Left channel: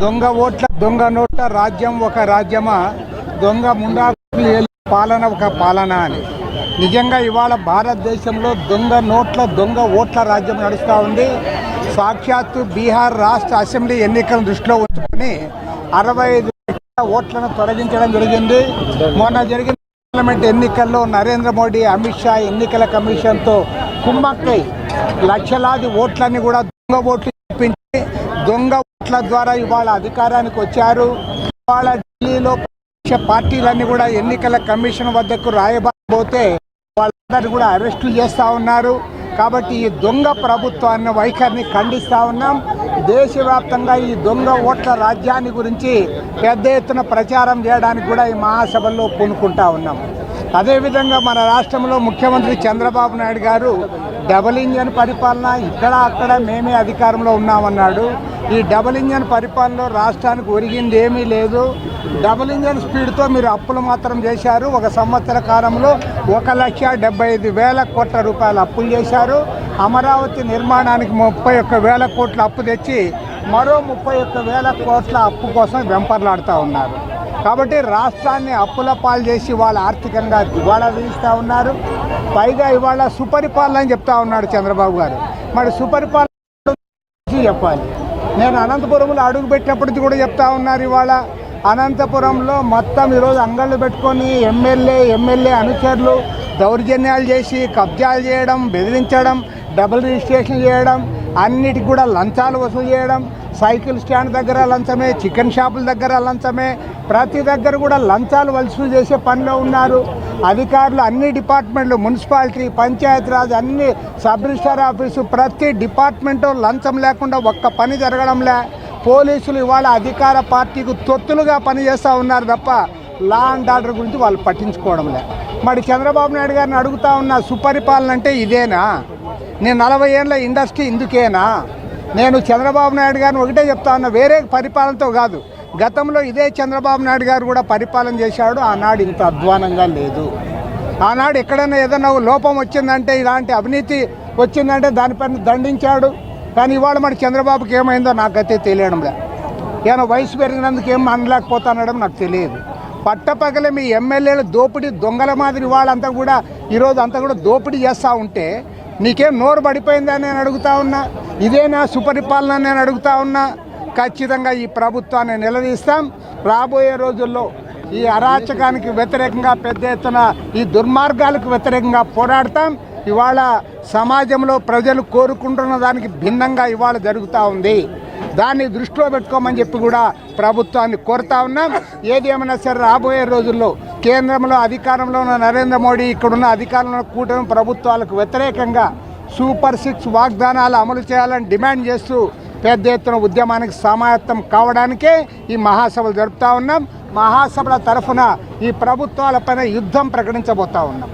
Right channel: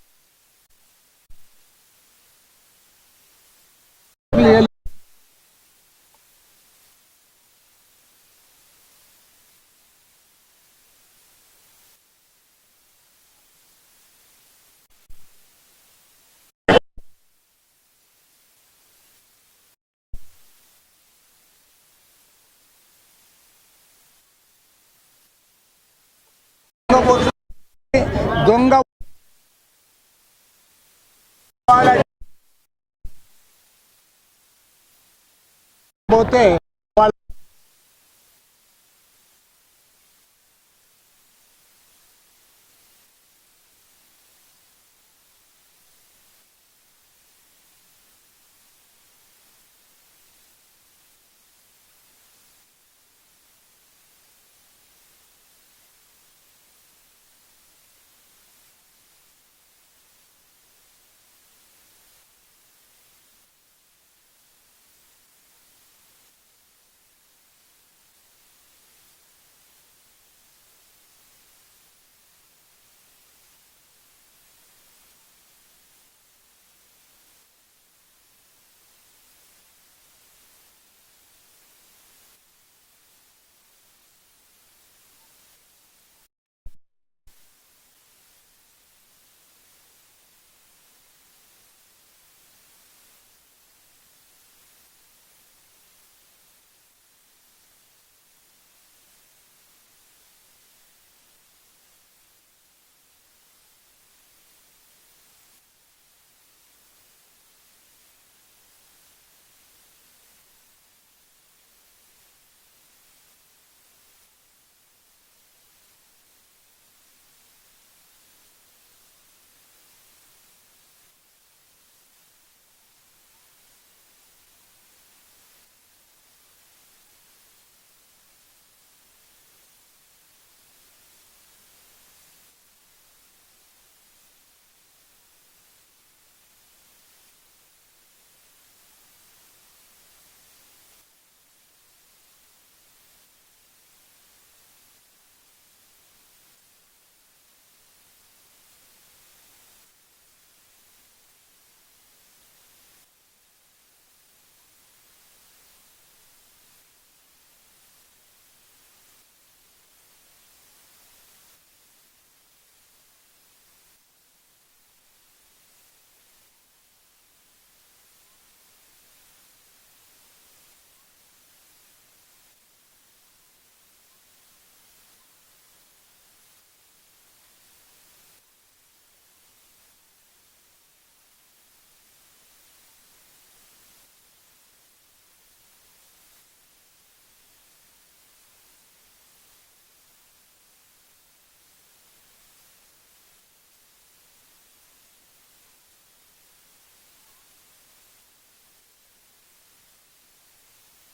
దొంగ ఓట్ల దొంగ నోట్ల రాజ్యం ఒక రాజ్యమా? దొంగ ముండా పాలన ఒక పాలన అని. నిజంగా ఇవాళ భారతదేశంలో దొంగ నోట్ల దొంగ ఓట్ల రాజ్యం నడుస్తూ ఉంది. సాక్షాత్తు బీహార్ రాష్ట్ర అసెంబ్లీ ఎన్నికలను దృష్టిలో ఉంచుకొని అరవై ఐదు ఓట్లను తొలగించడం జరిగింది. మొన్న జరిగిన పార్లమెంట్ ఎన్నికల్లో నరేంద్ర మోడీ అమిత్ షా ఎన్నికల కమిషన్తో కుమ్మక్కై లక్షలాది ఓట్లని కూడా దొంగ ఓట్లు చూపించి దొంగ ఓట్ల ద్వారా ఇవాళ అధికారానికి వచ్చారు. ఇవాళ ఢిల్లీలో పార్టీలన్నీ కూడా ఎన్నికల కమిషన్ వద్దకు రాయబోతే వాళ్ళందరూ కూడా అరెస్టులు చేస్తూ ఉన్నారు. కాబట్టి ఈ దొంగ ప్రభుత్వాన్ని వైఖరిని ఖండిస్తూ ఉన్నాం. దేశవ్యాప్తంగా ఈ దొంగ ఓట్ల రాజ్యాన్ని గురించి పెద్ద ఎత్తున ప్రచారం చేయడానికి కూడా ఈ మహాసభల్లో పూనుకుంటా ఉన్నాం. అదేవిధంగా మన రాష్ట్రంలో ముఖ్యమంత్రి చంద్రబాబు నాయుడు గారు డబుల్ ఇంజన్ పరిపాలన ఇక్కడ అక్కడ మేమే అధికారంలో ఉన్నామన్నాడు. ఈ డబుల్ ఇంజన్ పరిపాలనలో రాష్ట్రానికి ఒరిగింది ఏమీ లేదు. డబుల్ ఇంజన్ స్పీడ్తో మీరు అప్పులు మాత్రం చేశారు. ఒక సంవత్సర కాలంలో ఒక లక్ష డెబ్బై ఐదు వేల కోట్ల రూపాయలు అప్పులు చేశారు. అమరావతి నిర్మాణానికి ముప్పై ఒక్క వేల కోట్ల అప్పు తెచ్చి మరో ముప్పై ఒక్క వేల కోట్ల అప్పు కోసం వెంపర్లాడుతూ ఉన్నారు. కాబట్టి రాష్ట్రాన్ని అప్పుల పాలు చేసి వాళ్ళు ఆర్థికంగా దివాళా తీస్తూ ఉన్నారు. పైగా ఇవాళ సుపరిపాలన అని చెప్తా ఉన్నాడు చంద్రబాబు గారు. మరి సుపరిపాలన గురించి చెప్పాలి. నేను అనంతపురంలో అడుగు పెట్టినప్పటికీ కూడా చెప్తా ఉన్నారు ఇవాళ. అనంతపురంలో మొత్తం ఈరోజు అంగళ్ళు పెట్టుకొని ఎమ్మెల్యే ఎమ్మెల్యే అనుచరులు దౌర్జన్యాలు చేసి కబ్జాలు చేయడం బెదిరించడం డబుల్ రిజిస్ట్రేషన్ చేయడం అన్నిటికి కూడా లంచాలు వసూలు చేయడం సైకిల్ స్టాండ్ దగ్గర లంచమే చికెన్ షాపుల దగ్గర లంచమే ప్రతి దగ్గర కూడా లంచాలు వసూలు చేసే పనిలో ఉన్నారు. అధికారులు అన్ని డిపార్ట్మెంట్లు మున్సిపాలిటీ పంచాయతీరాజ్ అన్ని సబ్ రిజిస్టార్ ఆఫీసు ప్రతి డిపార్ట్మెంటు లంచం లేకుండా ఒక్క పని జరగడంలే. పోలీసులు ఇవాళ అధికార పార్టీకి తొత్తులుగా పనిచేస్తూ ఉన్నారు తప్ప లా అండ్ ఆర్డర్ గురించి వాళ్ళు పట్టించుకోవడంలే. మరి చంద్రబాబు నాయుడు గారిని అడుగుతా ఉన్న సుపరిపాలన అంటే ఇదేనా? నేను నలభై ఏళ్ళ ఇండస్ట్రీ ఇందుకేనా? నేను చంద్రబాబు నాయుడు గారిని ఒకటే చెప్తా ఉన్నా వేరే పరిపాలనతో కాదు. గతంలో ఇదే చంద్రబాబు నాయుడు గారు కూడా పరిపాలన చేశాడు ఆనాడు ఇంత అధ్వానంగా లేదు. ఆనాడు ఎక్కడైనా ఏదైనా లోపం వచ్చిందంటే ఇలాంటి అవినీతి వచ్చిందంటే దానిపైన దండించాడు. కానీ ఇవాళ మరి చంద్రబాబుకి ఏమైందో నాకైతే తెలియడంలే ఏమైనా వయసు పెరిగినందుకు ఏం అనలేకపోతానడం నాకు తెలియదు. పట్టపగలే మీ ఎమ్మెల్యేలు దోపిడీ దొంగల మాదిరి వాళ్ళంతా కూడా ఈరోజు అంతా కూడా దోపిడీ చేస్తూ ఉంటే నీకేం నోరు పడిపోయిందని నేను అడుగుతా ఉన్నా. ఇదేనా సుపరిపాలన నేను అడుగుతా ఉన్నా. ఖచ్చితంగా ఈ ప్రభుత్వాన్ని నిలదీస్తాం. రాబోయే రోజుల్లో ఈ అరాచకానికి వ్యతిరేకంగా పెద్ద ఎత్తున ఈ దుర్మార్గాలకు వ్యతిరేకంగా పోరాడతాం. ఇవాళ సమాజంలో ప్రజలు కోరుకుంటున్న దానికి భిన్నంగా ఇవాళ జరుగుతూ ఉంది. దాన్ని దృష్టిలో పెట్టుకోమని చెప్పి కూడా ప్రభుత్వాన్ని కోరుతా ఉన్నాం. ఏదేమైనా సరే రాబోయే రోజుల్లో కేంద్రంలో అధికారంలో ఉన్న నరేంద్ర మోడీ ఇక్కడున్న అధికారంలో కూటమి ప్రభుత్వాలకు వ్యతిరేకంగా సూపర్ సిక్స్ వాగ్దానాలు అమలు చేయాలని డిమాండ్ చేస్తూ పెద్ద ఎత్తున ఉద్యమానికి సమాయత్తం కావడానికే ఈ మహాసభలు జరుపుతా ఉన్నాం. మహాసభల తరఫున ఈ ప్రభుత్వాలపైన యుద్ధం ప్రకటించబోతా ఉన్నాం.